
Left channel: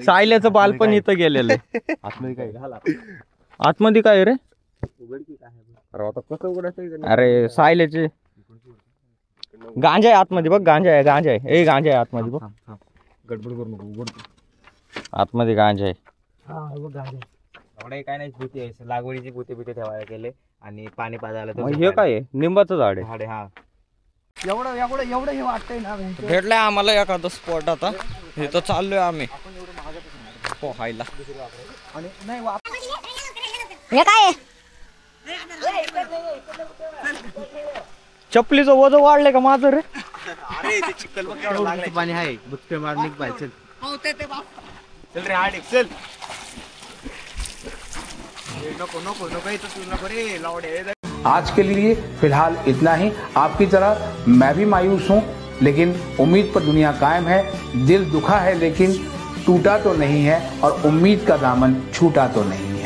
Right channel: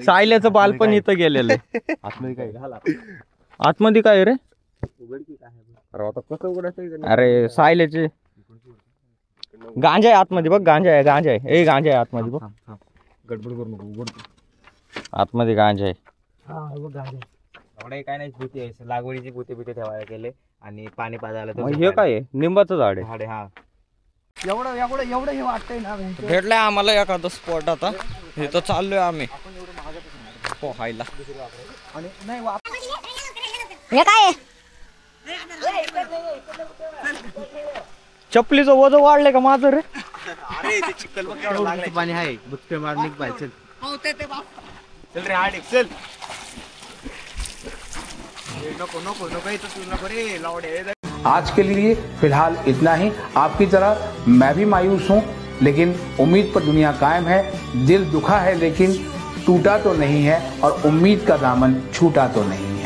सायल्याचं बालपण इथं गेलेलं आहे. आतमध्ये काय घाला आतमध्ये काय रे. अरे सायल्याचे गांजा आहे आतमध्ये बघ, गांजा आहे, गांजा आहे, गांजा आहे आतमध्ये बघ. गडबड करू नको. आतमध्ये गांजा आहे. एवढे काय नाही भूते आहे, लागवडीची भूते ठेवायला गेले आणि पाणी पाजायला तर हे काय आहे? लिंबाचं झाड आहे. झाडे. हा एवढं हे वाटतंय ना. भेटलंय आम्हाला एखादं स्पॉट. आता इथं चाललोय आम्ही पोहायला. चपलीचं वजन वाढलंय का माझं रे? पाणी आहे बुचके मारणे पाहिजे. चल रे हाड चल. नको नको नको नको रे लावडे. आज के लिए फिलहाल इतना ही। आपकी तरह मैं भी मायूस हूँ, लेकिन उम्मीद पर दुनिया कायम है। दिल दुखा है लेकिन टूटा तो नहीं है, और उम्मीद का दामन छूटा तो नहीं है।